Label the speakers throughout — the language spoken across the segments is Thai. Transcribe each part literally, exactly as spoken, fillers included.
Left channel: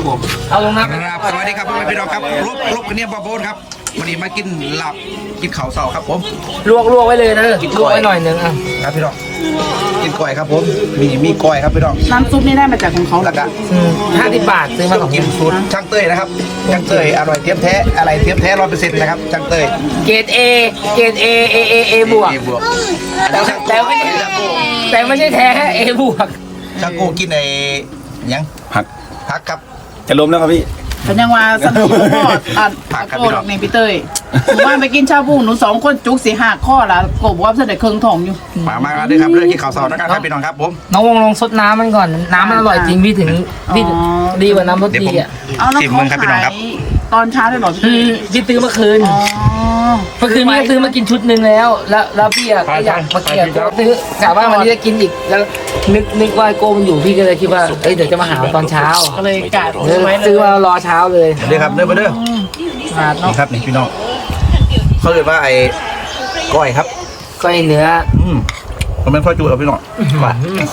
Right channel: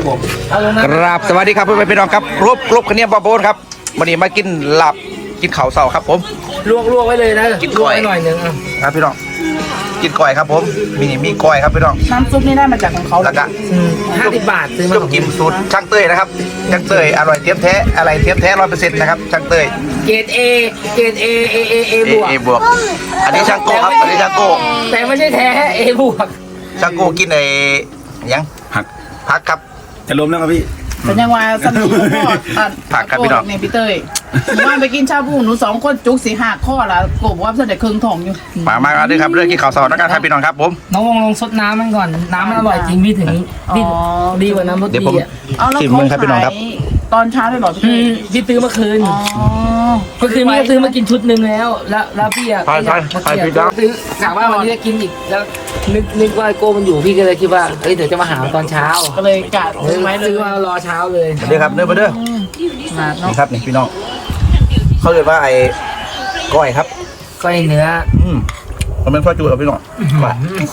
Speaker 1: ผมเอาลง
Speaker 2: ค
Speaker 1: นะ
Speaker 2: รับสวัสดีครับเพื่อนๆพี่น้องครับรบรบกันเนี่ยบอโบนครับวันนี้มากินหลับกินข้าวเสาครับผม
Speaker 1: ลวกลวกไว้เลยนะ
Speaker 2: กิน
Speaker 1: ล
Speaker 2: ก
Speaker 1: ว
Speaker 2: ล้
Speaker 1: ก
Speaker 2: วย
Speaker 1: ไว้หน่อยหนึงอ่ะ
Speaker 2: ครับพี่น้องกินก้อยครับผมมีมีก้อยครับพี่น้อง
Speaker 3: น้ำซุปนี่ได้มาจากของเขา
Speaker 2: แล้วก็
Speaker 1: ห้าสิบบาทซื้อมา
Speaker 2: ต้
Speaker 1: ส
Speaker 2: ม
Speaker 1: อง
Speaker 2: กิมสูตรช่างเต้ยนะครับช่างเต้ยอร่อยเทียมแท้อะไรเทียมแท้ร้อยเปอร์เซ็นต์นะครับช่างเต้ย
Speaker 1: เกรดเอเกรดเอเอเอเอบวก
Speaker 2: เอบวกอันนี้ช่างโก้ครับอันนี้ช่างโก้
Speaker 1: แต่ไม่ใช่แท้เอบวก
Speaker 2: ช่างโก้กินไอ้ยัง
Speaker 4: ผัก
Speaker 2: พักครับ
Speaker 4: จะล้มแล้วครับพี่
Speaker 3: เป็นยังว่าสมัยพ่ออ่ะ
Speaker 2: ผักครับพี่น้อง
Speaker 3: ในพี่เต้ยหนูว่าไปกินชาบูหนูสองคนจุกสีหักข้อละกบว่าเสด็จเครื่องทองอยู่
Speaker 2: มามากันด้วยครับเรื่องกินข้าวเสานะครับครับพี่น้องครับผม
Speaker 1: น้องวงลองซดน้ำมันก่อนน้ำมันอร่อยจริงพี่ถึงพี่ดีกว่าน้ำรส
Speaker 2: เดี๋ยว
Speaker 1: ดี
Speaker 2: ผม
Speaker 1: อ่ะ
Speaker 3: เอาแล้ว
Speaker 2: ชิม
Speaker 3: เขา
Speaker 2: มึงครับพี่น้องครับ
Speaker 3: ขายตอนเช้าได้หรอ
Speaker 1: อืมพี่ซื้อเมื่อคืน
Speaker 3: อ๋อ
Speaker 1: เมื่อคืนพี่ก็ซื้อมากินชุดหนึ่งแล้ว แล้วแล้วพี่อ่ะก็อยากมาเกี่ยวก็ซื้อกะว่าวันนี้จะกินอีกแล้วนึกนึกว่าโก้มันอยู่พี่ก็เลยคิดว่าเอ้ยเดี๋ยวจะมาหาตอนเช้า
Speaker 3: ก็เลยกะ
Speaker 1: เออ
Speaker 3: ไว้เล
Speaker 1: ซื้อย มารอเช้าเลย
Speaker 2: มาเด้อครับเด้อมาเด้อ
Speaker 3: ขาดเนาะ
Speaker 2: นี่ครับนี่พี่น้องเขาเรียกว่าไอ้ก้อยครับ
Speaker 1: ก็ไอเนื้อ
Speaker 2: อืมมันเป็นข้าวจูครับพี่น้องก้อย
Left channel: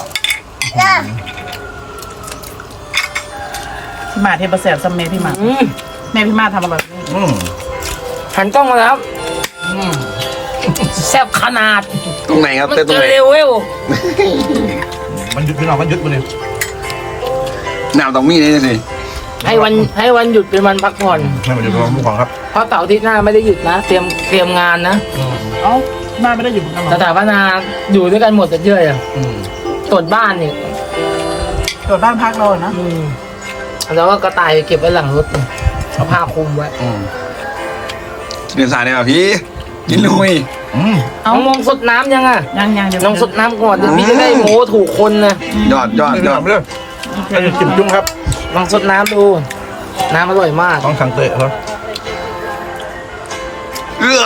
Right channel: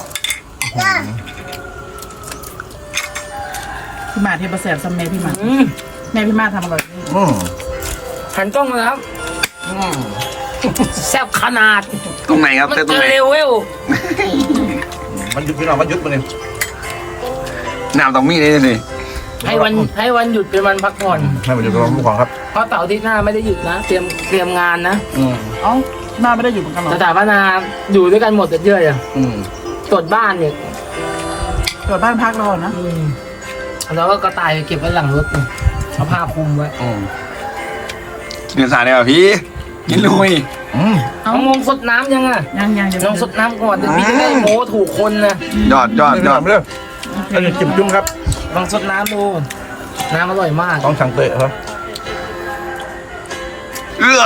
Speaker 3: พี่มาเทปเสร็จสมัยพี่มา
Speaker 1: อืม
Speaker 3: แม่พี่มาทำอร่อย
Speaker 2: อืม
Speaker 1: หันกล้องมาแล้วครับแซ่บขนาด
Speaker 2: ตรงไหนครับ
Speaker 1: มัน
Speaker 2: เต้นตรง
Speaker 1: เกิน
Speaker 2: ไหน
Speaker 1: เร็วเว้ย
Speaker 2: มันหยุดพี่น้องมันหยุดมาเลยน้ำตรงมีเลยนี่
Speaker 1: ให้วันให้วันหยุดเป็นวันพักผ่อน
Speaker 2: ให้มันหยุดกับผู้ของครับ
Speaker 1: เพราะเสาร์อาทิตย์หน้าไม่ได้หยุดนะ เตรียมเตรียมงานนะ
Speaker 3: เอ้ามาไม่ได้อยู่เหมือนกันเหร
Speaker 1: ส
Speaker 3: อ
Speaker 1: ถาปนาอยู่ด้วยกันหมดแต่เยอะอ่ะ
Speaker 2: อืม
Speaker 1: ตรวจบ้านเนี่ย
Speaker 3: ตรวจบ้านพักเราอะนะ
Speaker 1: อืมแล้วก็กระต่ายไปเก็บไว้หลังรถเอาผ้าคลุมไว้
Speaker 2: อืม
Speaker 4: เรียนสายเนี่ยพี่กินลุย
Speaker 2: อืม
Speaker 1: น้องน้องสดน้ำยังอ่ะ
Speaker 3: ยังยังเดี๋ยว
Speaker 1: น้องสดน้ำก่อนเดี๋ยวพี่จะได้โม้ถูกคนนะ
Speaker 4: ยอดยอด
Speaker 2: พี่
Speaker 4: ย
Speaker 2: น้
Speaker 4: อ
Speaker 2: อ
Speaker 4: ด
Speaker 2: งเด้ออันนี้จิ้มจุ้งครับ
Speaker 1: ลองสดน้ำดู น้ำอร่อยมาก
Speaker 2: ต้องสั่งเตะครับ
Speaker 4: เอื้อ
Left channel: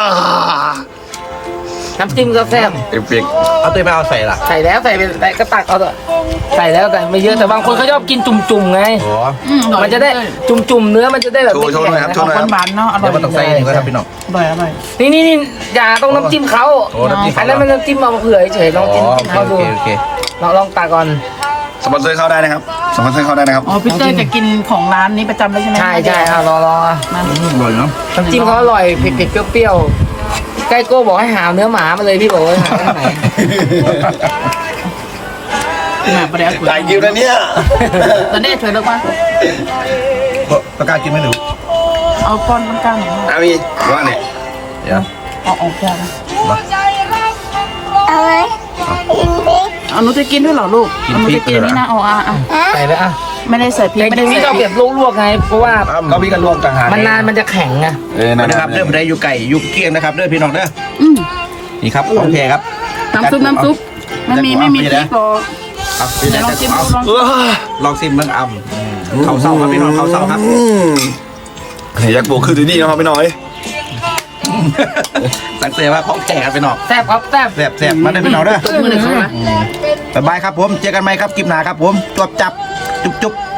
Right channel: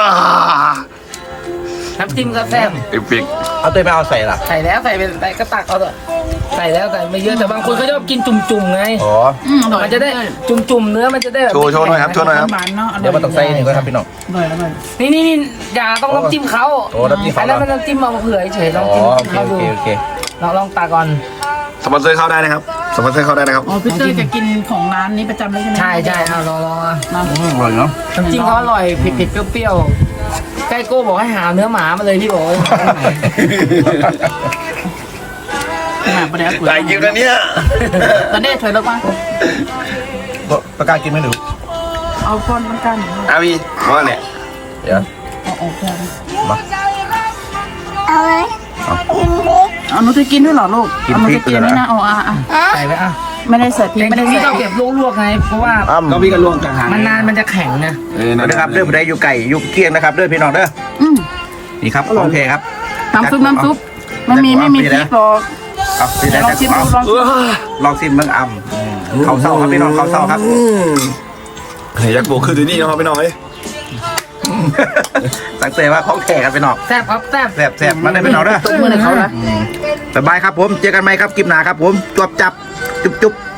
Speaker 1: น้ำจิ้มก็แซ่บ
Speaker 4: เอฟเฟกต์
Speaker 2: เอาเตะไม่เอาใส่ล่ะ
Speaker 1: ใส่แล้วใส่เป็นใส่ก็ตักเอาเถอะใส่แล้วแต่ไม่เยอะแต่บางคนเขาชอบกินจุ่มๆไง
Speaker 2: อ๋อ
Speaker 3: อืมอร่อย
Speaker 1: มันจะได้จุ่มๆเนื้อมันจะได้แบบ
Speaker 4: โชว์โชว์หน่อยครับโชว์หน่อยครับ
Speaker 3: หวานๆเนาะอร่อย
Speaker 2: เดี๋ยวมันต้องใส่นี่ก็ครับพี่น้อง
Speaker 3: อร่อยอร่อย
Speaker 1: นี่นี่นี่อย่าต้องน้ำจิ้มเขา
Speaker 2: โอ้น้ำจิ้ม
Speaker 1: อั
Speaker 2: เขา
Speaker 1: น
Speaker 2: เหร
Speaker 1: นั้น
Speaker 2: อ
Speaker 1: มันน้ำจิ้มเอามาเผื่อเฉยๆล
Speaker 2: อ๋
Speaker 1: อ
Speaker 2: อง
Speaker 1: จิ้ม
Speaker 2: โอเค
Speaker 1: เขา
Speaker 2: โอ
Speaker 1: ดู
Speaker 2: เคโอเค
Speaker 1: เราลองตักก่อน
Speaker 4: สปอนเซอร์เข้าได้นะครับสปอนเซอร์เข้าได้นะครับ
Speaker 3: อ๋อพี่เต้ยจะกินของร้านนี้ประจำเลยใช่ไหม
Speaker 1: ใช่ใช่อ่ะรอรอ
Speaker 3: มา
Speaker 2: อร่อยเนาะ
Speaker 1: น้ำจิ้มเขาอร่อยเผ็ดๆเปรี้ยวๆใกล้โก้บอกให้หาเนื้อหมามาเลยพี่บอกว่าหาที่ไหน
Speaker 3: หมาประเดี๋ยว
Speaker 4: หลายคิวนะเนี่ย
Speaker 3: ตอนนี้ถอยเลิกมา
Speaker 2: ตะกร้ากินไม่ดู
Speaker 3: เอาก้อนต้นกล้าหน่อย
Speaker 4: อาพี่ว่าเนี่ย
Speaker 2: เดี๋ยว
Speaker 3: เอาออกแก้วนะ
Speaker 2: มา
Speaker 3: เอาหนูจะกินด้วยเหรอลูกเอาหนูจะกินนี่นะเอาอ่ะอ่ะ
Speaker 1: ใส่ไปอ่ะ
Speaker 3: ไม่ได้ใส่พริก
Speaker 1: แต่
Speaker 3: ไม่ได้
Speaker 1: พี่
Speaker 3: ใส่
Speaker 1: ต้อง
Speaker 3: พริ
Speaker 1: เก็
Speaker 3: ก
Speaker 1: บลวกๆไงเพราะว่า
Speaker 2: อ้ำ
Speaker 4: ต้องพี่กันรวมต่างหาก
Speaker 1: มันนานมันจะแข็งไง
Speaker 4: เออ
Speaker 2: นะครับเด้อไปได้อยู่ไก่อยู่เกียงนะครับเด้อพี่น้องเด้อ
Speaker 3: อืม
Speaker 2: นี่ครับโอเคครับ
Speaker 3: น้ำซุปน้ำซุปมันมีไม่มีพริกหรอก
Speaker 2: เอาพี่ได้
Speaker 3: ล
Speaker 2: จะ
Speaker 3: องชิม
Speaker 2: เอา
Speaker 3: ดูลอง
Speaker 4: เออ
Speaker 2: ลองซิมเมืองอ่ำเขาเศร้าครับพี่น้องเขาเศร้าครับ
Speaker 4: อืมเฮ้ยยักษ์โบกคือที่นี่นะครับพี่น้อย
Speaker 2: สังเกตว่าของแท้ครับพี่น้อง
Speaker 1: แซ่บครับแซ่บ
Speaker 2: แสบแสบมาได้พี่น้องเด้อ
Speaker 3: มือหนึ่งเขาละ
Speaker 2: สบายครับผมเจอกันไหมครับคลิปหน้าครับผมจวบจับจุ๊บจุ๊บ